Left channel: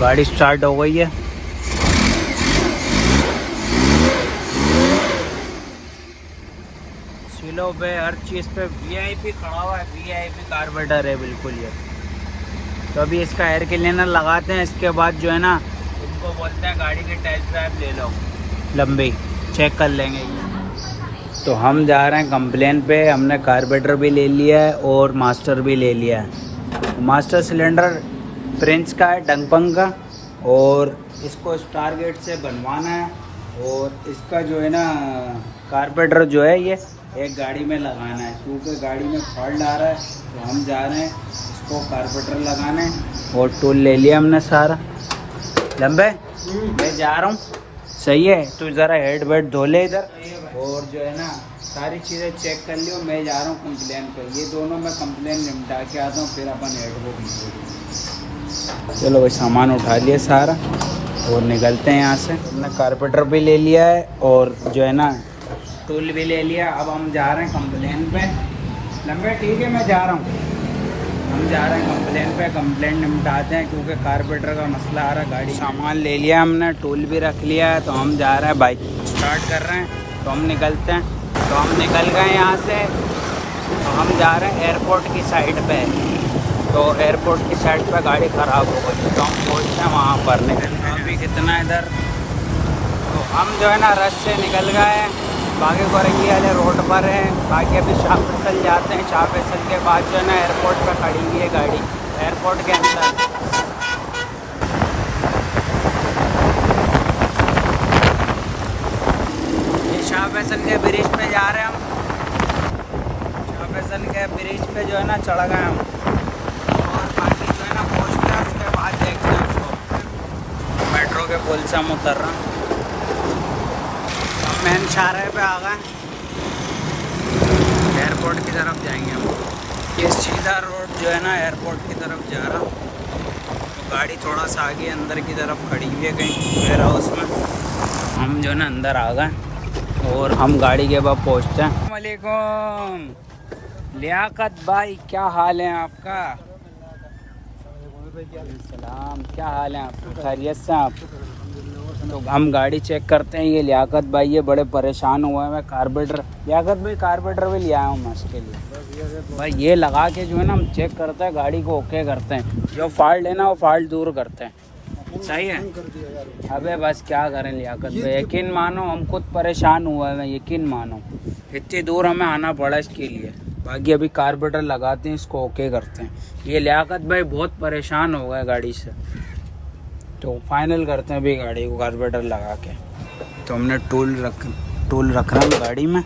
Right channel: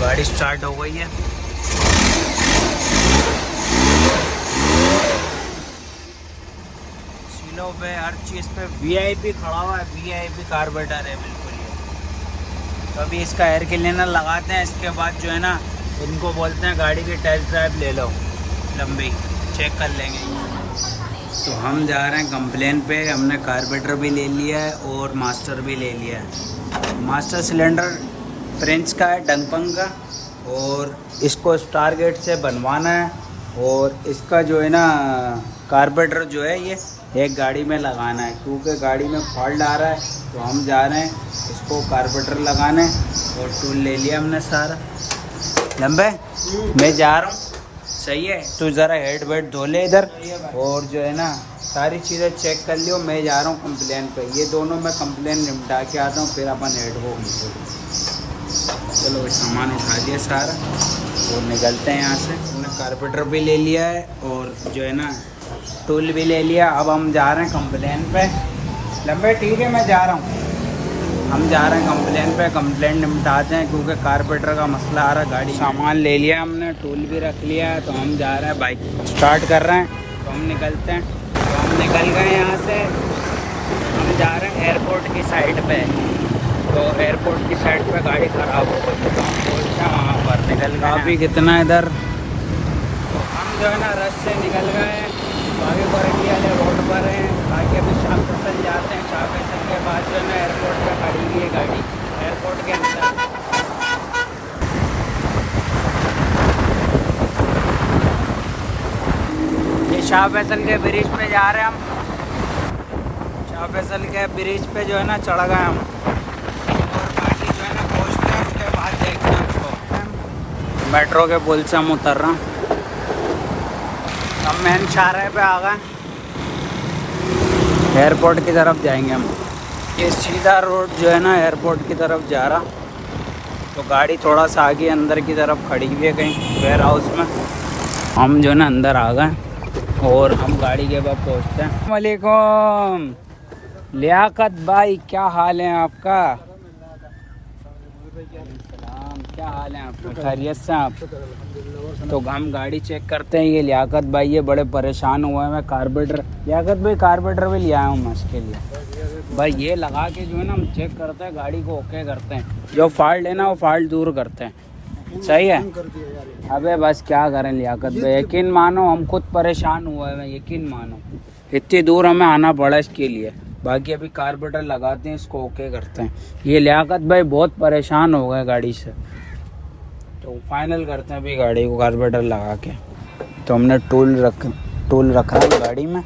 गाड़ी स्टार्ट हो गई है। सिलो पे हर चीज़ पे वीआईपी खड़ा हुआ है, वीआईपी कार्बोरेटर है बिल्कुल ये। तो अभी इसका एयर क्लीनर लगाते हैं, इसके बाद जो है ना इनको बोलते हैं गाड़ी की टेस्ट ड्राइव ले लो, लंबी चेक कर लेंगे ये। तो हम जा रहे हैं कंप्लेन पे। हमने कार्बोरेटर भी ले लिया है और मास्टर भी ले लिया है। मास्टर सिलेंडर प्रिंस का है, डंगपंग का, और इसको स्टार गेट से बनवाना है। और इसका जो है ना कार्बोरेटर जो है ये एक गाड़ी में लगाना है, क्योंकि गाड़ी में फॉल्ट आ रहा है। तो हम जा रहे हैं इसको कार्बोरेटर लगाने, और टूल ले लिया हमने सारा। लंबे मैं जा रहा हूँ, सही है, तो ज़रा हेड वेड धो ले इधर, और जो है ना सारी चीज़ें चेक कर लियो। मैं जा रहा हूँ कंप्लेन पे, ये दोनों मैं कंप्लेन निपटा के आता हूँ, फिर अपन हेड को चलो भाई। सामान उठा लिया सारा और निकलते हैं यहाँ से। हमने कार्बोरेटर भी ले लिया है और जो है ना टूल भी ले लिया। अब हम जा रहे हैं कंप्लेन पे। लंबे ठीक है, मैं जा रहा हूँ, हम जा रहे हैं कंप्लेन पे। कंप्लेन निपटाते हैं, क्योंकि कार्बोरेटर का मसला आ रहा है गाड़ी। सामान ले लिया हमने, टूल भी रख लिया है। तो हम जा रहे हैं, बाइक स्टार्ट कर रहे हैं, तो हम निकलते हैं। तो हम निकल गए यहाँ से, तो हम जा रहे हैं एयरपोर्ट की साइड पे। तो एयरपोर्ट की साइड पे गाड़ी ख़राब हो गई, तो हम पहुँचे हैं वहाँ पर। निकल काफ़ी कितना इधर, तो हम जो है ना रश से निकल गए, बागी बरेली वाले रोड पर हैं। बाकी अभी शाह फैसल जाते हैं, शाह फैसल के बाद जो है ना एयरपोर्ट पर खड़ी हुई है गाड़ी, एयरपोर्ट के अंदर। ये शाह फैसल के ब्रिज पे जा रहे हैं हम। शाह फैसल के ब्रिज पे जो है ना चढ़ गए हम, और गाड़ी जो है ना पहुँचते हैं, उसके बाद देखते हैं उसको। मेट्रो के पुल से हम उतर रहे हैं, हम मेन शाहराह पे आ गए, एयरपोर्ट की तरफ जाएंगे हम। ये सीधा रोड जो है ना एयरपोर्ट की तरफ जा रहा। तो गाड़ी थोड़ा सा आगे अंदर की तरफ खड़ी हुई है कहीं वेयर हाउस में। हम जो है ना अंदर आ गए और हम गाड़ी के पास पहुँचते हैं। अस्सलाम वालेकुम लियाकत भाई, क्या हाल है आपका? सलाम, क्या हाल है आपकी? खैरियत से आप? तो हम गाड़ी चेक करते हैं। ये लियाकत भाई ये बड़े परेशान हुए हैं। मैं कार्बोरेटर, लियाकत भाई कार्बोरेटर में लिया हूँ उसके लिए भाई। ये लगा के जो है ना हम चेक करते हैं, गाड़ी को ओके करते हैं, जो फॉल्ट है ना वो फॉल्ट दूर करते हैं, सही है। अबे बस क्या करें लियाकत भाई, यकीन मानो हम खुद परेशान हुए हैं, यकीन मानो इतनी दूर हमें आना पड़ा इसके लिए। बाकी अभी कार्बोरेटर लगाते हैं, इसको ओके करते हैं। ये लियाकत भाई बहुत परेशान हो गए गाड़ी से, तो फाइनल करते हैं अभी गाड़ी को कार्बोरेटर लगा के। तो हमने टूल रखा है गाड़ी में,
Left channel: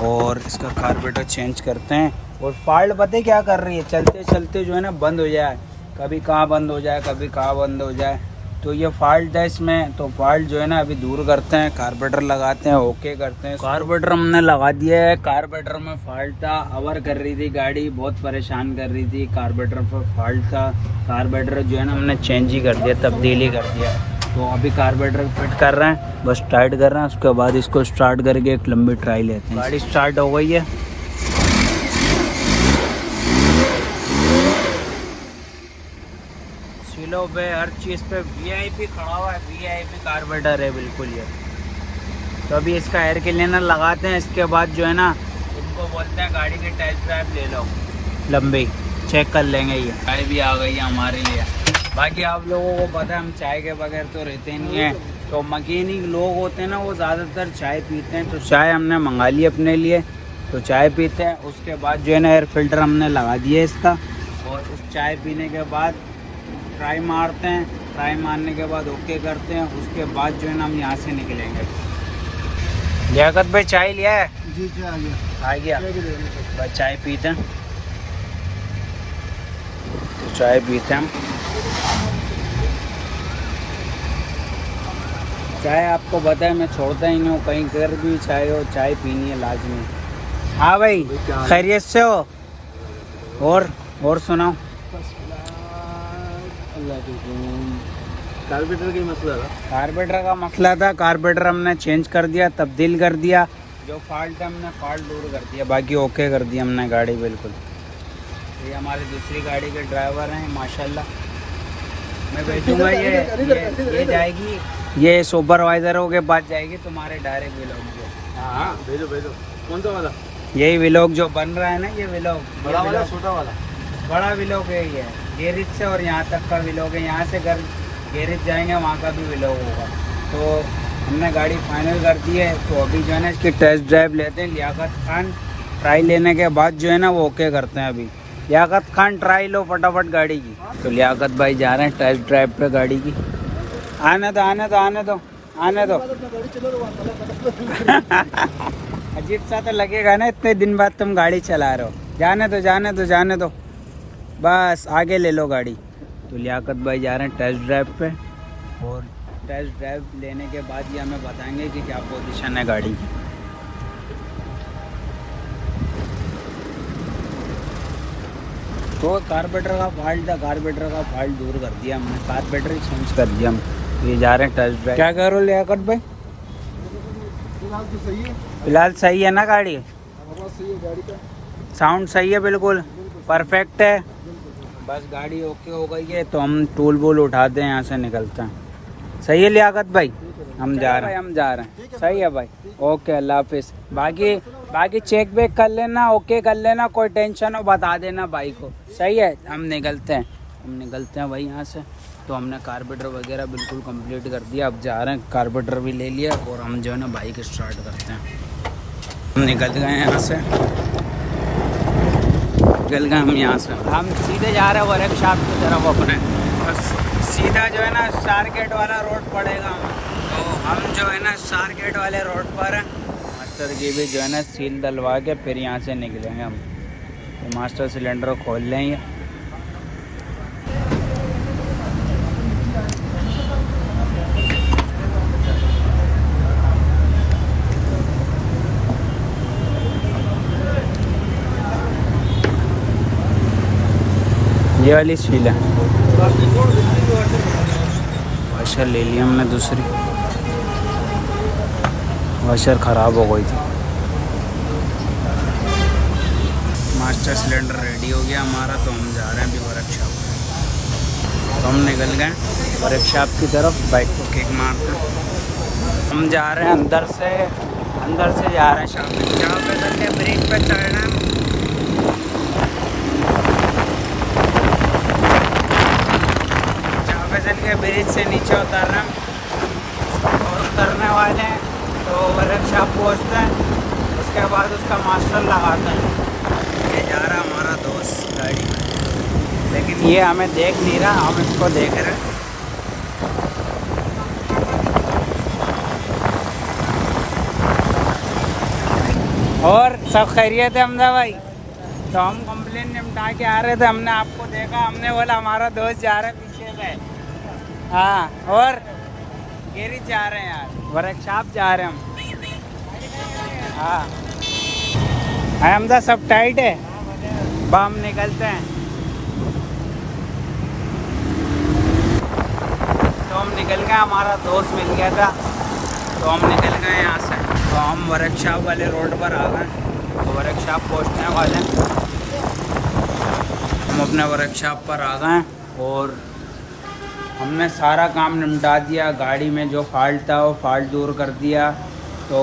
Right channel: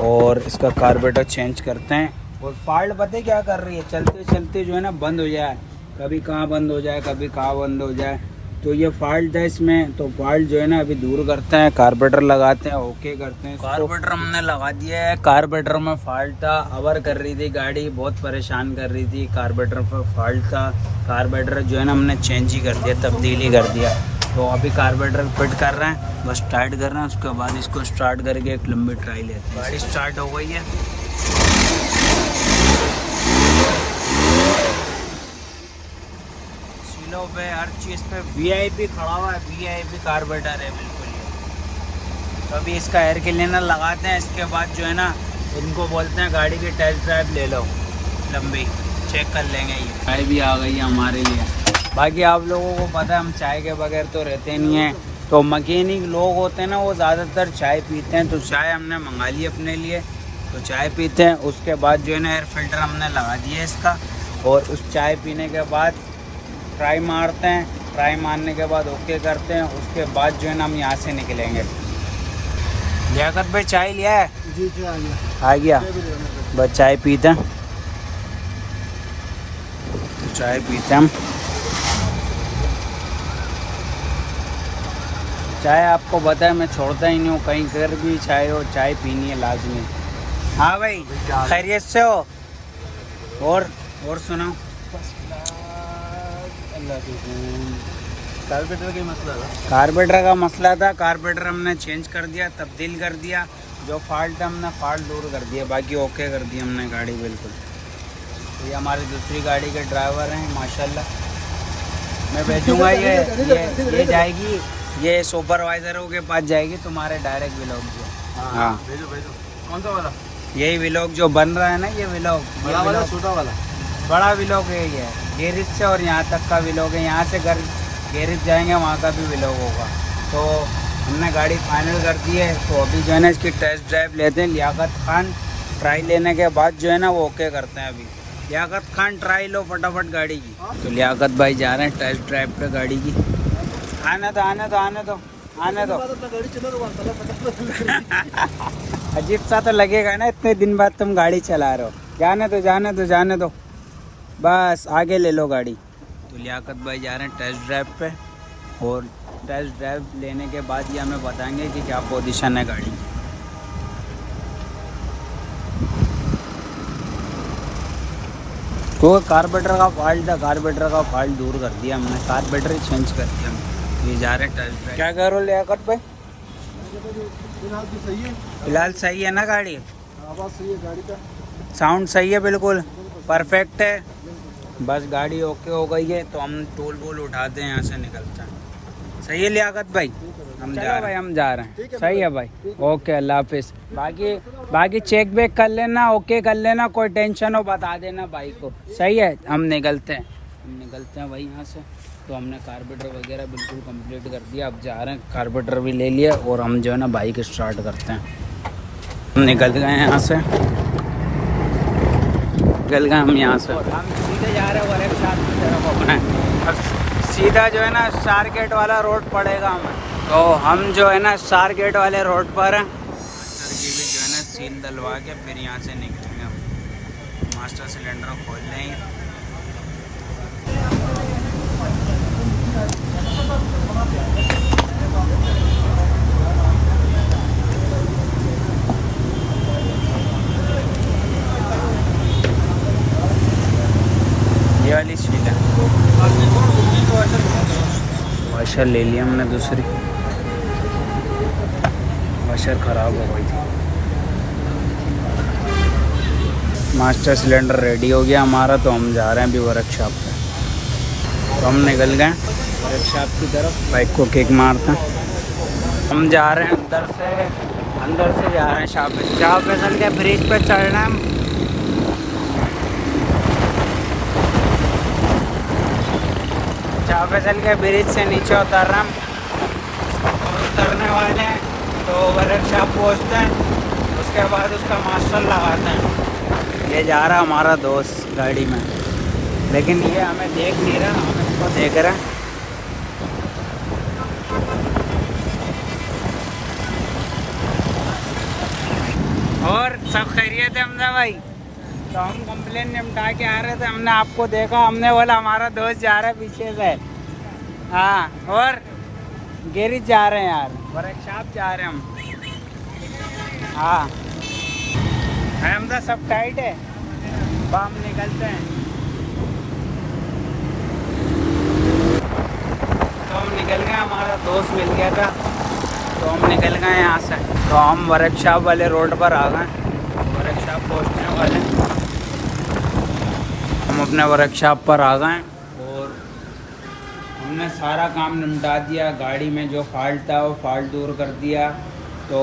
और इसका कार्बोरेटर चेंज करते हैं। और फॉल्ट पता क्या कर रही है, चलते चलते जो है ना बंद हो जाए, कभी कहाँ बंद हो जाए, कभी कहाँ बंद हो जाए। तो ये फॉल्ट है इसमें, तो फॉल्ट जो है ना अभी दूर करते हैं, कार्बोरेटर लगाते हैं, ओके करते हैं। कार्बोरेटर हमने लगा दिया है। कार्बोरेटर में फॉल्ट था, अवर कर रही थी गाड़ी, बहुत परेशान कर रही थी, कार्बोरेटर पर फॉल्ट था। कार्बोरेटर जो है ना हमने चेंज ही कर दिया, तब्दीली कर दिया। तो अभी कार्बोरेटर फिट कर रहे हैं, बस टाइट कर रहे हैं, उसके बाद इसको स्टार्ट करके एक लंबी ट्राई लेते हैं। गाड़ी स्टार्ट हो गई है। सिलो पे हर चीज़ पे वीआईपी खड़ा हुआ है, वीआईपी कार्बोरेटर है बिल्कुल ये। तो अभी इसका एयर क्लीनर लगाते हैं, इसके बाद जो है ना इनको बोलते हैं गाड़ी की टेस्ट ड्राइव ले लो, लंबी चेक कर लेंगे। ये चाय भी आ गई है हमारे लिए। बाकी आप लोगों को पता है हम चाय के बगैर तो रहते नहीं हैं। तो मैकेनिक लोग होते हैं ना वो ज़्यादातर चाय पीते हैं, तो चाय हमने मंगा ली अपने लिए, तो चाय पीते हैं। उसके बाद जो है ना एयर फिल्टर हमने लगा दिया इसका, और उस चाय पीने के बाद ट्राई मारते हैं, ट्राई मारने के बाद ओके करते हैं। उसके बाद जो है ना हम यहाँ से निकलेंगे। लियाकत भाई चाय लिया है? जी जी आ गया। बस चाय पीते हैं, तो चाय पीते हैं हम। चाय आपको पता है मैं छोड़ता ही नहीं हूँ, कहीं कर भी चाय हो, चाय पीनी है लाजमी। हाँ भाई खैरियत से हो? और सुनाओ। कार्बोरेटर का मसला था, कार्बोरेटर हमने चेंज कर दिया, तब्दील कर दिया। जो फॉल्ट है हमने फॉल्ट दूर कर दिया, बाकी ओके कर दिया हमने गाड़ी बिल्कुल। तो ये हमारी दूसरी गाड़ी के ड्राइवर हैं माशाल्लाह, मैं भेजूंगा ये जाएगी, ये सुपरवाइजरों के पास जाएगी तुम्हारे डायरेक्ट व्लॉग जो। हाँ भेजो भेजो। कौन सा वाला? यही व्लॉग जो बन रहा है ना, ये व्लॉग बड़ा वाला छोटा वाला? बड़ा व्लॉग है ये, गैरेज से और यहाँ तक का व्लॉग है। यहाँ से घर गैरेज जाएंगे वहाँ का भी व्लॉग होगा। तो हमने गाड़ी फाइनल कर दी है, तो अभी जो है ना इसकी टेस्ट ड्राइव लेते हैं। लियाकत खान ट्राई लेने के बाद जो है ना वो ओके करते हैं। अभी लियाकत खान ट्राई लो फटाफट गाड़ी की। तो लियाकत भाई जा रहे हैं टेस्ट ड्राइव पे गाड़ी की। आने दो आने दो आने दो आने दो। अजीब सा तो लगेगा ना, इतने दिन बाद तुम गाड़ी चला रहे हो। जाने दो जाने दो जाने दो, बस आगे ले लो गाड़ी। तो लियाकत भाई जा रहे हैं टेस्ट ड्राइव पे, और टेस्ट ड्राइव लेने के बाद ये हमें बताएंगे कि क्या पोजीशन है गाड़ी की। तो कार्बोरेटर का फॉल्ट था, कार्बोरेटर का फॉल्ट दूर कर दिया हमने, कार्बोरेटर ही चेंज कर दिया हम। ये जा रहे हैं टेस्ट ड्राइव। क्या करो लियाकत भाई? फिलहाल सही है ना गाड़ी? आवाज़ सही है गाड़ी का, साउंड सही है, बिल्कुल परफेक्ट है। बस गाड़ी ओके हो गई है तो हम टूल वूल उठाते हैं, यहाँ से निकलते हैं। सही है लियाकत भाई? हम जा रहे हैं। सही है भाई, ओके अल्लाह हाफिज़। बाकी चेक वेक कर लेना, ओके कर लेना, कोई टेंशन हो बता देना भाई को। सही है, हम निकलते हैं भाई यहाँ से। तो हमने कार्बोरेटर वगैरह बिल्कुल कंप्लीट कर दिया, अब जा रहे हैं। कार्बोरेटर भी ले लिया और हम जो है ना बाइक स्टार्ट करते हैं। हम निकल गए हैं यहाँ से, हम यहाँ से। हम सीधे जा रहे हैं वर्कशॉप की तरफ अपने, और सीधा जो है ना स्टार गेट वाला रोड पड़ेगा हमें। तो हम जो है ना स्टार गेट वाले रोड पर हैं। मास्टर की भी जो है ना सील डलवा के फिर यहाँ से निकलेंगे हम। तो मास्टर सिलेंडर खोल लेंगे। ये वाली सील है, वाशर ले लिया हमने, दूसरी वाशर ख़राब हो गई थी। मास्टर सिलेंडर रेडी हो गया हमारा, तो हम जा रहे हैं अभी वर्कशॉप पे। तो हम निकल गए वर्कशॉप की तरफ, बाइक को किक मारते हैं। हम जा रहे हैं अंदर से जा रहे हैं शाहफैज़न के ब्रिज पे चढ़ना है। शाहफैज़न के ब्रिज से नीचे उतर रहे हैं, उतरने वाले हैं तो वर्कशॉप पहुँचते हैं। उसके बाद उसका मास्टर लगाता है। ये जा रहा हमारा दोस्त गाड़ी में, लेकिन ये हमें देख नहीं रहा, हम इसको देख रहे हैं। और सब खैरियत है हमदा भाई? तो हम कंप्लेन निपटा के आ रहे थे, हमने आपको देखा, हमने बोला हमारा दोस्त जा रहा है पीछे से। हाँ, और गैरेज जा रहे हैं यार, वर्कशॉप जा रहे हैं हम। हाँ हमदा सब टाइट है, हम निकलते हैं। तो हम निकल गए, हमारा दोस्त मिल गया था, तो हम निकल गए यहाँ से। तो हम वर्कशॉप वाले रोड पर आ गए, वर्कशॉप पहुँचने वाले हैं। हम अपने वर्कशॉप पर आ गए और हमने सारा काम निपटा दिया। गाड़ी में जो फॉल्ट था वो फॉल्ट दूर कर दिया। तो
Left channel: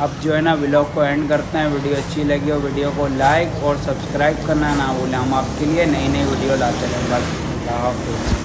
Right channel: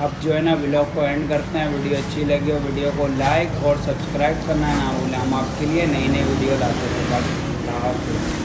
अब जो है ना व्लॉग को एंड करते हैं। वीडियो अच्छी लगी हो वीडियो को लाइक और सब्सक्राइब करना ना भूलें। हम आपके लिए नई वीडियो लाते रहें। अल्लाह हाफ़िज़।